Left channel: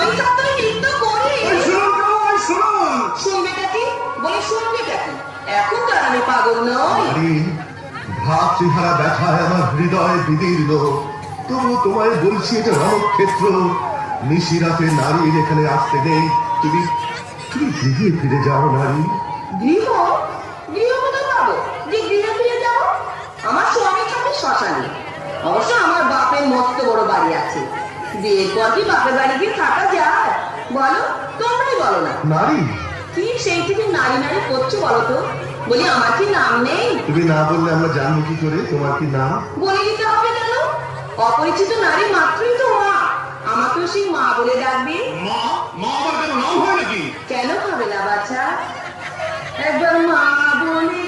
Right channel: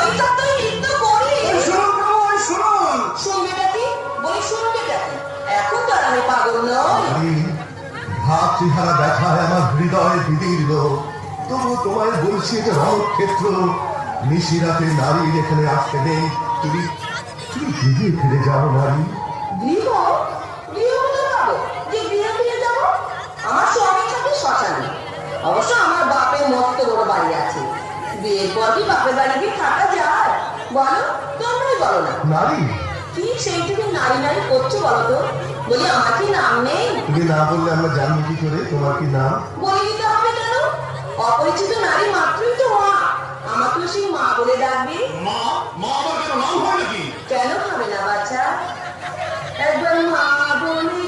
ওই সপ্তাহে নৃত্য করি। শুনবে কি বলে, শুনবে কি? এখন তো আর আমি পাগল নই। ভাতৃহারা ব্যথায় আমার হৃদয় বিদীর্ণ, তবু তোমায় বলছি এটা রণক্ষেত্র। নিশিরাতে নারীর এখানে আসতে নেই। তুমি তুমি গৃহে ফিরে যাও নারী। গৃহ? গৃহ কোথায় পাবো যে গৃহে ফিরে যাবো? আমার স্বামীর সাথে শ্মশানে। অবশ্য আমার বাপের মস্ত বড় বাড়ি আছে। বিয়ের পর কি বাপের বাড়ি গিয়ে থাকা যায়? বলো, তোমরাই বলো না। নারী? কি সেই থেকে নারী নারী করছো বলো তো? বলি, আমার কি নাম নেই? তুমি না বললে আমরা জানবো কি করে তোমার কি নাম? বলে দিতে হবে কেন? অপরিচিত নারী মাত্রই তো মা। আমাকেও সেই মা বলে ডাকবি। মা? মা আবার কেন নাম হয় নাকি? কেন হবে না বাচ্চা? একবার মা বলে